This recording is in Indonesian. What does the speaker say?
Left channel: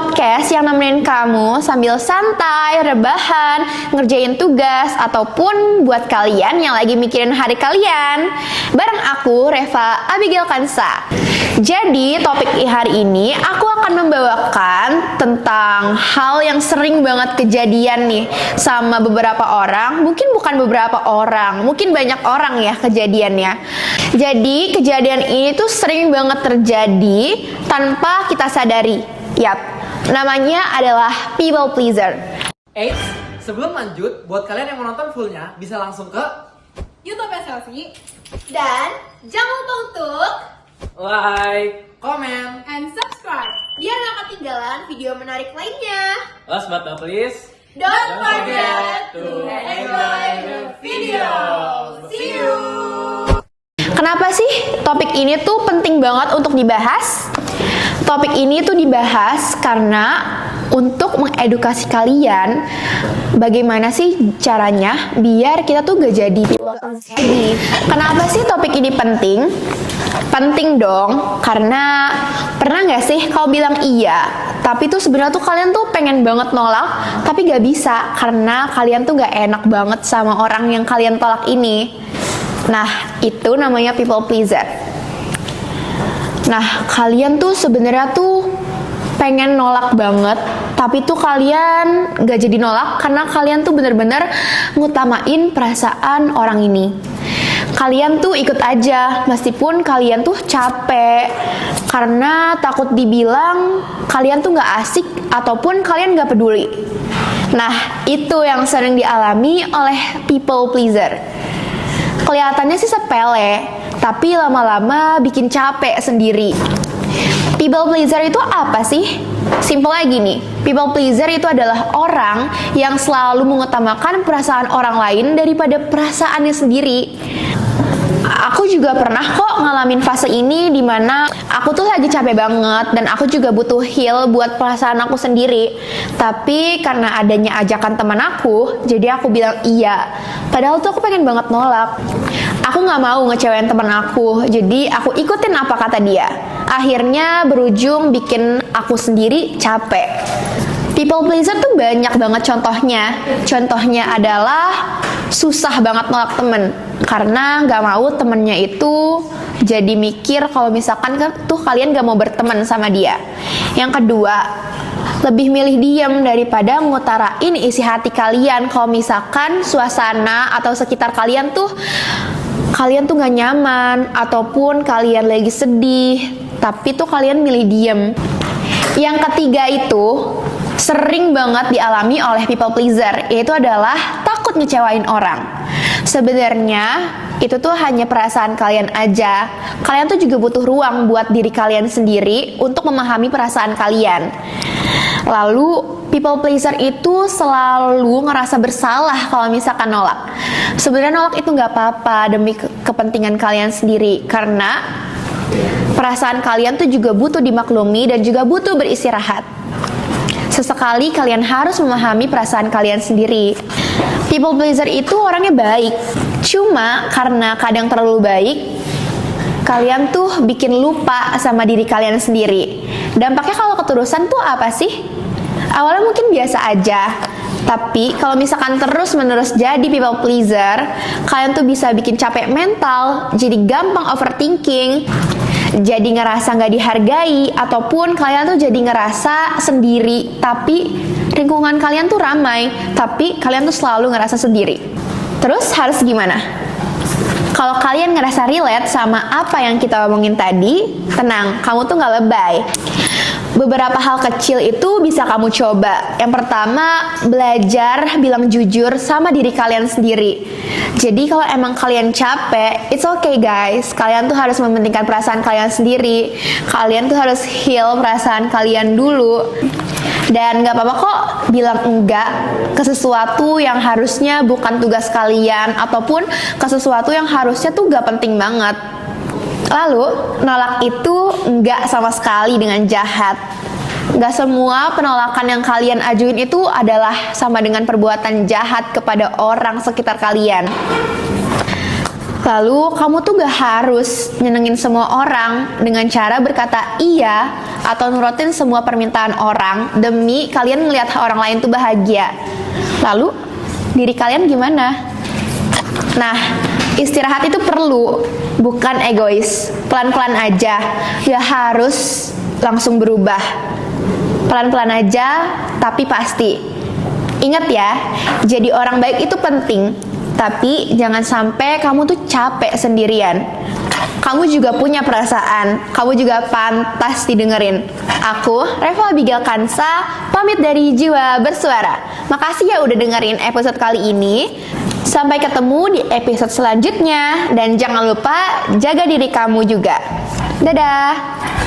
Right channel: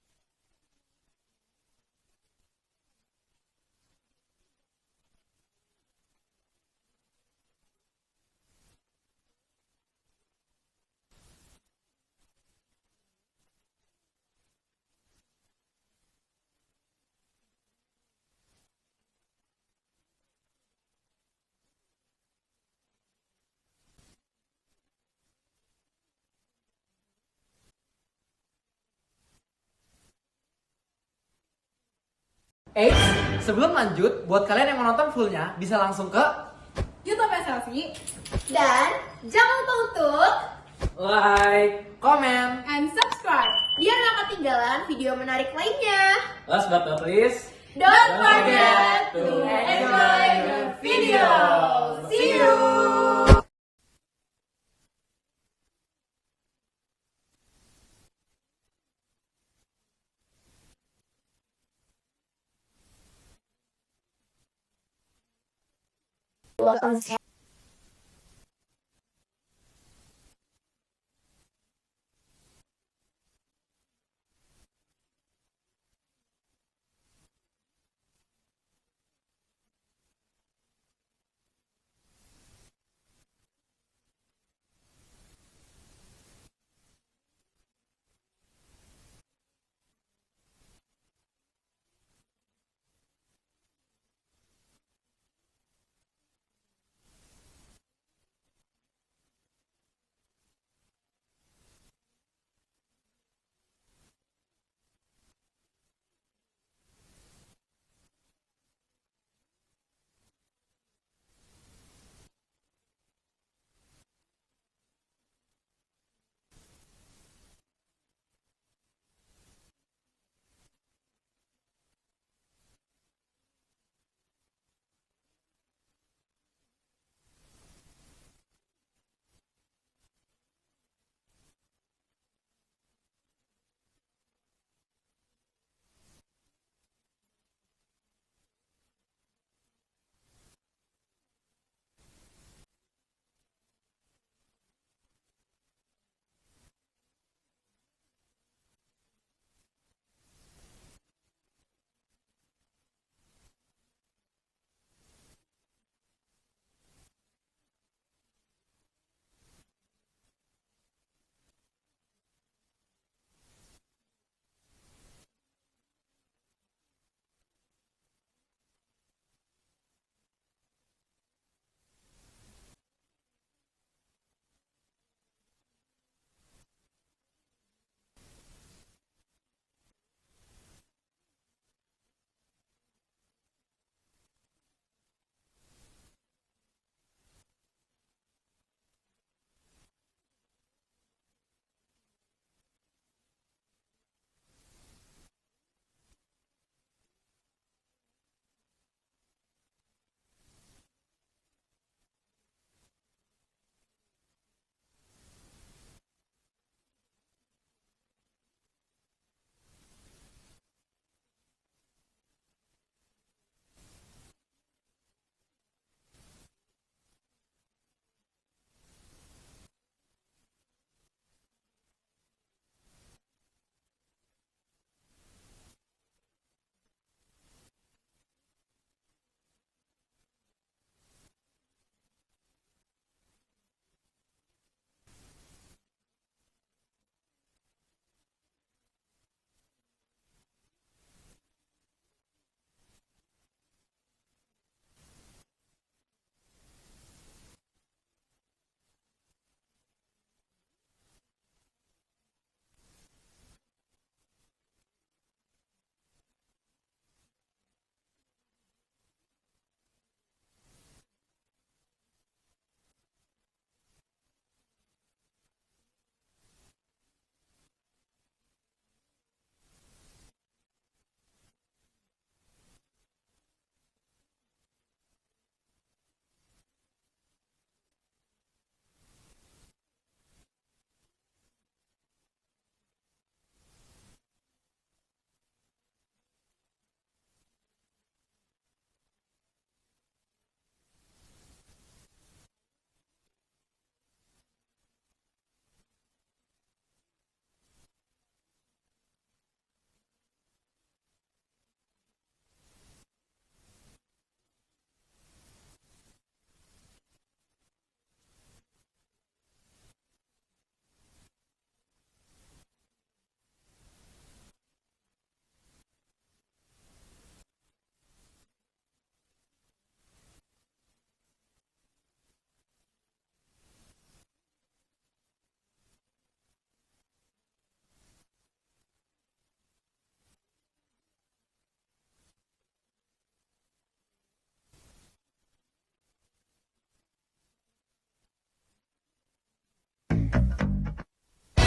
podcast yang nemenin kamu sambil santai, rebahan, ngerjain tugas, ataupun buat kalian yang lagi mikirin hari kalian. Bareng aku, Reva Abigail Kansa. Jadi, topik hari ini aku akan membawakan tentang hal yang sering banget kejadian nih sama beberapa orang. Mungkin bukan beberapa orang, mungkin banyak orang ya kejadiannya. Jadi, kejadian ini tuh sering banget terjadi tanpa kita sadari. Yap, namanya adalah people pleaser. Sebelum lanjut, buat kalian yang mau nonton fullnya, bisa langsung ke YouTube Selfie Dan jangan lupa untuk like, comment, and subscribe. biar gak ketinggalan video menarik lainnya. last but not least, Don't forget to enjoy the video. See you. Kenapa sih topik ini tuh penting banget untuk dibahas? Topik ini tuh dibahas karena untuk mengedukasi kalian bagaimana sih caranya biar kita tuh gak jadi people pleaser lagi. Kenapa sih topik ini penting? Penting dong, karena pernah gak sih kau bilang iya, tapi tuh sebenarnya tuh kalian tuh pengen banget nolak, tapi gak bisa karena kalian tuh gak enak banget sama orang yang kalian tolak ini. Nah, itu namanya people pleaser. Nah, kalian tuh sebenarnya tuh pengen nolak banget, tapi tuh kalian gak jadi nolak karena kalian tuh bener-bener ngutamain perasaan orang ini. Kalian tuh ikut aja meskipun kalian tuh capek karena takut dibilang kalian tuh gak asik ataupun kalian gak peduli. Nah, itu yang sering dialami oleh people pleaser. Kelihatannya sih sepele, tapi lama-lama bikin capek sendiri. People pleaser itu apa sih? Simpel aja gini, people pleaser itu adalah orang yang selalu mengutamakan perasaan orang lain daripada perasaannya sendiri. Aku juga pernah kok ngalamin fase ini dimana aku tuh lagi capek banget dan aku juga butuh heal buat perasaan aku sendiri. Tapi karena adanya ajakan teman aku, jadi aku bilang iya. Padahal tuh aku pengen banget nolak. Aku gak mau ngecewain teman aku, jadi aku ikutin apa kata dia. Akhirnya berujung bikin aku sendiri capek. People pleaser tuh banyak banget contohnya. Contohnya adalah susah banget nolak temen karena gak mau temennya itu jadi mikir kalau misalkan tuh kalian gak mau berteman sama dia. Yang kedua, lebih milih diam daripada ngutarain isi hati kalian kalau misalkan suasana atau sekitar kalian tuh gak nyaman ataupun kalian lagi sedih, tapi tuh kalian milih diam. Yang ketiga itu sering banget dialami oleh people pleaser, yaitu adalah takut ngecewain orang. Sebenarnya itu tuh hanya perasaan kalian aja. Kalian tuh juga butuh ruang buat diri kalian sendiri untuk memahami perasaan kalian. Lalu people pleaser itu selalu ngerasa bersalah kalau misalkan nolak. Sebenarnya nolak itu nggak apa-apa demi kepentingan kalian sendiri, karena perasaan kalian tuh juga butuh dimaklumi dan juga butuh beristirahat. Sesekali kalian harus memahami perasaan kalian sendiri. People pleaser itu orangnya baik, cuma karena kadang terlalu baik, kalian tuh bikin lupa sama diri kalian sendiri. Dampaknya kalau keterusan tuh apa sih? Awalnya mungkin biasa aja, tapi kalau misalkan terus-menerus jadi people pleaser, kalian tuh bisa bikin capek mental, jadi gampang overthinking, jadi ngerasa gak dihargai, ataupun kalian tuh jadi ngerasa sendiri, tapi lingkungan kalian tuh ramai, tapi kalian tuh selalu ngerasa sendiri. Terus harus gimana? Kalau kalian ngerasa relate sama apa yang kita omongin tadi, tenang, kamu tuh gak lebay. Beberapa hal kecil itu bisa kamu coba. Yang pertama, belajar bilang jujur sama diri kalian sendiri. Jadi kalau emang kalian capek, it's okay guys. Kalian tuh harus mementingkan perasaan kalian sendiri. Kalian tuh harus heal perasaan kalian dulu. Dan gak apa-apa kok bilang enggak ke sesuatu yang harusnya bukan tugas kalian, ataupun ke sesuatu yang harusnya tuh gak penting banget. Lalu, nolak itu enggak sama sekali dengan jahat. Enggak semua penolakan yang kalian ajuin itu adalah sama dengan perbuatan jahat kepada orang sekitar kalian. Lalu kamu tuh gak harus nyenengin semua orang dengan cara berkata iya atau nurutin semua permintaan orang demi kalian ngelihat orang lain tuh bahagia. Lalu diri kalian gimana? Nah, istirahat itu perlu, bukan egois. Pelan-pelan aja, gak harus langsung berubah. Pelan-pelan aja, tapi pasti. Ingat ya, jadi orang baik itu penting. Tapi jangan sampai kamu tuh capek sendirian. Kamu juga punya perasaan, kamu juga pantas didengerin. Aku, Reva Abigail Kansa, pamit dari Jiwa Bersuara. Makasih ya udah dengerin episode kali ini. Sampai ketemu di episode selanjutnya. Dan jangan lupa jaga diri kamu juga. Dadah!